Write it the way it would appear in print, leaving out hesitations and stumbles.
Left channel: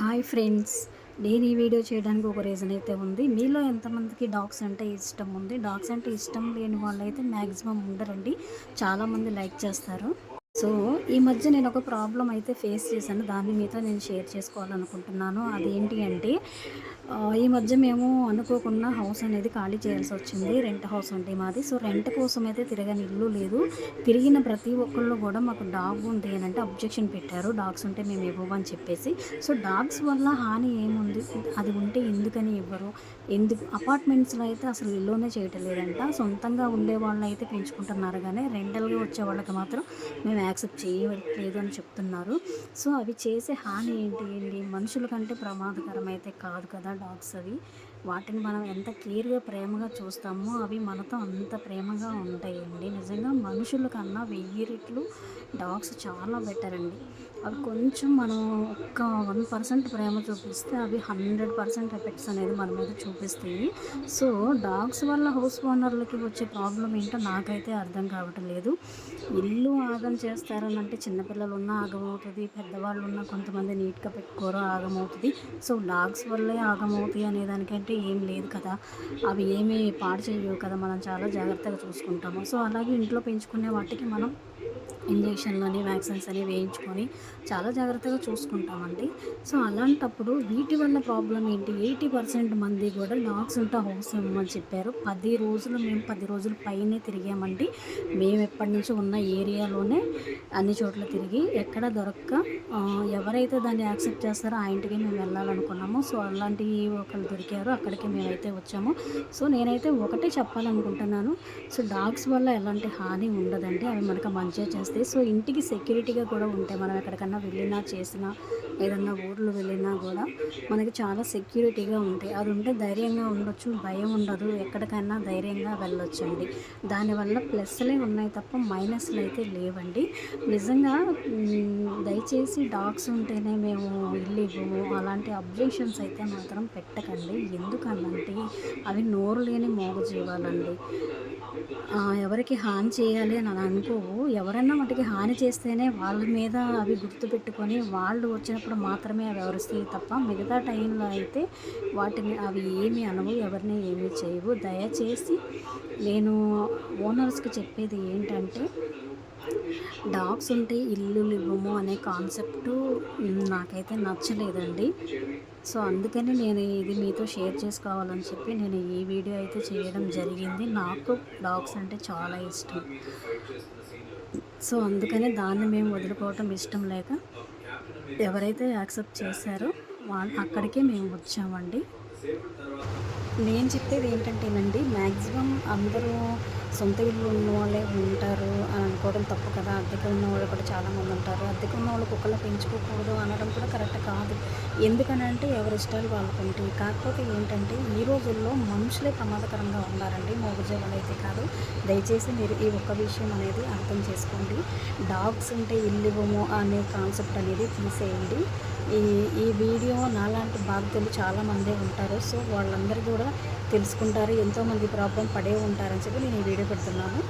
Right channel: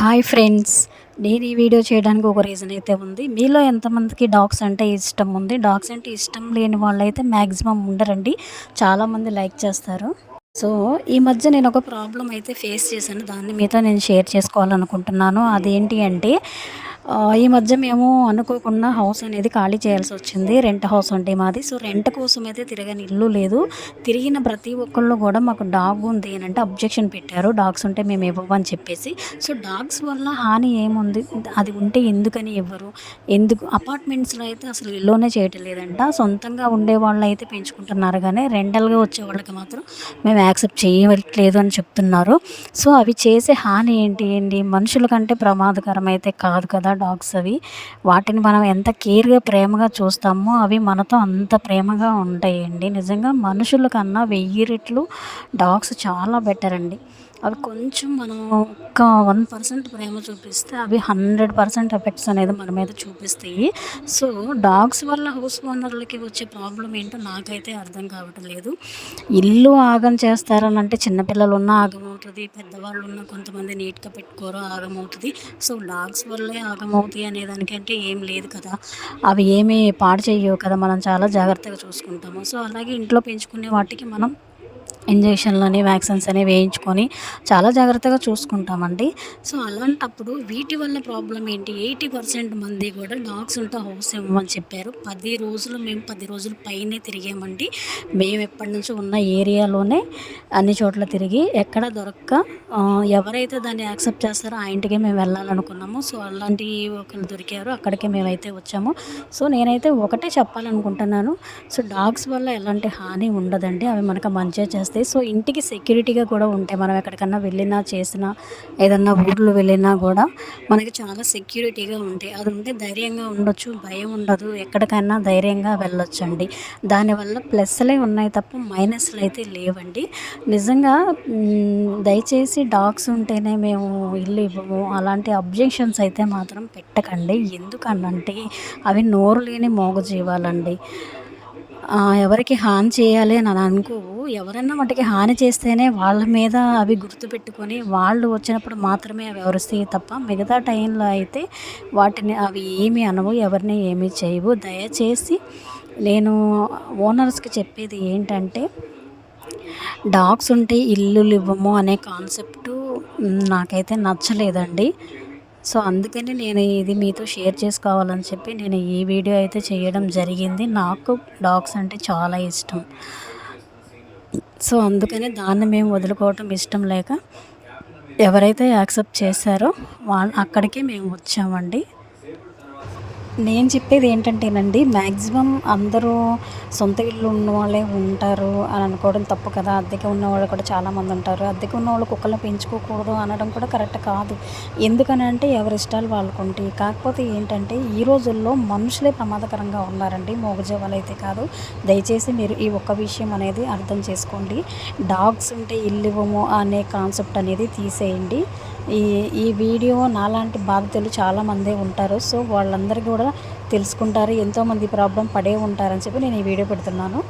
Hi friends. నేను ఈ video చేయడానికి ఒక రీజన్ అయితే ఉంది. మీలో ఎంతమందికి డాగ్స్ అంటే ఇష్టం ఉంది? డాగ్స్ అంటే ఇష్టం లేని వాళ్ళైతే మ్యాక్సిమం ఉండరండి. చాలామంది లైక్ చేస్తారు. సో, ఈ మధ్య నేను ఒక ప్రాబ్లమ్ అయితే ఫేస్ చేశాను. దాన్ని మీతో నేను షేర్ చేసుకోవాలనుకుంటున్నాను. అదేంటి అంటే ఈ మధ్య మేము అనుకోకుండా హౌస్ అనేది ఖాళీ చేయాల్సొచ్చింది. రెంట్ హౌస్ అండి మాది. సో, రెంట్ కోసం అయితే తిరగని ఇల్లు లేదు. తిరిగిన ప్రతి ఒక్కళ్ళు కూడా మాకు డాగ్ ఉంది అనంటే అబ్జెక్షన్ పెట్టారు. డాగ్స్ ఉంటే మేము ఇవ్వమని చెప్పేసి. సో, డాగ్స్ వల్ల హాని ఏముంది? అది ఉంటే ఎందుకని ఇవ్వరు? ఎందుకు అపార్ట్మెంట్స్‌లో అయితే అసలు ఎలోనే చేయటం లేదంట. సొంతంగా ఉండేవాళ్ళైతే పెంచుకుంటున్నారు గానీ, రెంటల్‌గా వచ్చేవాళ్ళకి మాత్రం మేము యాక్సెప్ట్ చేయట్లేదు అని చెప్తున్నారు. సో, అవి చేసే హాని ఏంటి అండి? మనుషుల కంటే ప్రమాదకరమైతే కాదు కదా డాగ్స్ అవి. వాటిని మనం ఎంత కేర్‌గా, ప్రేమగా చూస్తామో అవి మనతో అంత ప్రేమగా ఉంటాయండి. నిజంగా మనుషుల కన్నా 1000 రెట్లు డాగ్స్ చాలా బెటర్ అండి. అవి కొంచెం మనం ఒక్క 1% ప్రేమ చూపిస్తే అవి 100% ఎఫెక్ట్స్ అనేది మన మీద చూపిస్తాయి. సో, డాగ్స్ వల్ల హౌస్ ఓనర్‌లకి వచ్చే ప్రాబ్లమ్ ఏంటో నాకైతే అర్థం కావటం లేదు. ఇల్లు ఆగం చేస్తారనంటే చిన్న పిల్లలున్నా ఆగమవుతది. పెద్దవాళ్ళున్నా కొంతమంది నీట్‌గా పెట్టుకోరు ఆగమవుతది. సో, డాగ్స్ వల్లే ఆగమవుతాయి అనే దానికంటే ఏం లేదు కదా! అవి ఏమి పాడు చెయ్యవు కదా! మనం చాలా జాగ్రత్తగా చూసుకుంటాము. సో, అలాగే ఇంట్లో పెంచుకునే వాటికి మనం ఇంజెక్షన్‌లని, వ్యాక్సిన్స్ అని వేయించుకొని చాలా జాగ్రత్తగా చూసుకుంటామండి. సో, అలాంటప్పుడు వీటి వల్ల ప్రాబ్లమ్ ఏంటి? 80% మంది కూడా డాగ్స్ ఉంటే హౌస్ ఇవ్వమని చెప్పారు. 10 రోజులు పైనే తిరిగామండి. మేము ఎప్పటినుంచో ఉన్న ఏరియాలోనే అన్ని చోట్ల తిరిగి ఎక్కడ దొరక్క ఎవరైతే దాన్ని యాక్సెప్ట్ చేస్తారో ఆ ఇంటికే మేము వెళ్ళాలనుకున్నాము. సో, అలాంటి ఒకళ్ళు దొరికారు. అక్కడికే మేమైతే వచ్చాము. సో, నేనైతే ఒకటే చెప్పాలనుకుంటున్నాను. సో, డాగ్స్ వల్ల ఎలాంటి హాని ఉండదండి. అవి మనకు మంచే చేస్తాయి. సో, ఇంటికి సెక్యూరిటీగా కూడా ఉంటాయి. మనం ఎక్కడికన్నా వెళ్ళినా, చేసినా, ఏదన్నా ఊర్లు వెళ్ళినా గూడా మనకి చాలా సెక్యూరిటీగా ఉంటాయి. అది ఉంటే ధైర్యంగా ఉండొచ్చు. భయం ఉండదు. ఎక్కడికైనా ధైర్యంగా వెళ్ళొచ్చండి. దానివల్ల ప్లస్‌లే ఉన్నాయి తప్ప మైనస్‌లయితే లేవండి. నిజంగా దయచేసి డాగ్స్ ఉంటేనే మేము ఇల్లు ఇవ్వము అలాంటి అబ్జెక్షన్స్ అయితే మాత్రం పెట్టకండి. ఎందుకనంటే అవి నోరు లేని మూగజీవాలండి. ఎవరికి హాని చేయాలి అని అనుకోవు. ఎవరైనా వాటికి హాని చేస్తేనే వాళ్ళ మీద అవి గుర్తుపెట్టుకొని వాళ్ళు వచ్చినప్పుడు మాత్రమే అవి అరుస్తాయి తప్ప మిగతా టైంలో అయితే వాటిని అవి ఏమి అనవు. ఎవరిని ఏమీ చేయవు. దయచేసి నేను ఓనర్స్‌కి చెప్పేది ఏంటంటే డాగ్స్ ఉంటే ఇల్లులు ఇవ్వము అనే కాన్సెప్టు నాకైతే నచ్చలేదండి. సో, అందుకని నేను ఇది మీతో షేర్ చేసుకోవాలని చెప్పి నేను ఈ వీడియో అయితే చేయడం జరిగింది. నాకు డాగ్స్ అంటే చాలా ఇష్టం. సో, అందుకని దాన్ని మేము వదులుకోవటం ఇష్టం లేక ఎవరైతే యాక్సెప్ట్ చేశారో అక్కడికే మేము వచ్చామండి. నేను చెప్పేది ఏంటంటేనండి, మ్యాక్సిమం అందరూ సొంత ఇల్లు ఉన్నవాళ్ళే ఉంటారు అని అనుకోవడం తప్పు కదా! అద్దెకి ఉన్నవాళ్ళు కూడా చాలామంది ఉంటారు. అద్దెకి ఉన్నవాళ్ళు కుక్కల్ని పెంచుకోకూడదు అనడం కూడా కరెక్ట్ కాదు. ఎందుకనంటే ఎవరి ఇష్టాలు వాళ్ళకుంటాయి. కాకపోతే ఏంటంటే ఈ రోజుల్లో మనుషులే ప్రమాదకరంగా ఉన్నారండి. మూగజీవాలైతే కాదు. దయచేసి మీరు ఈ ఒక్క విషయం అనేది అర్థం చేసుకోండి. డాగ్స్ ఉంటే ఇల్లివ్వము అనే కాన్సెప్ట్ అనేది తీసేయండి. ఈ ఈ వీడియో నాలాంటి బాధితులు చాలామందే ఉంటారు. సో, వాళ్ళందరూ కూడా తెలుసుకుంటారు. ఎంతోమంది ప్రాబ్లమ్ పడే ఉంటారని చెప్పి నేను ఈ వీడియో పెడుతున్నాను.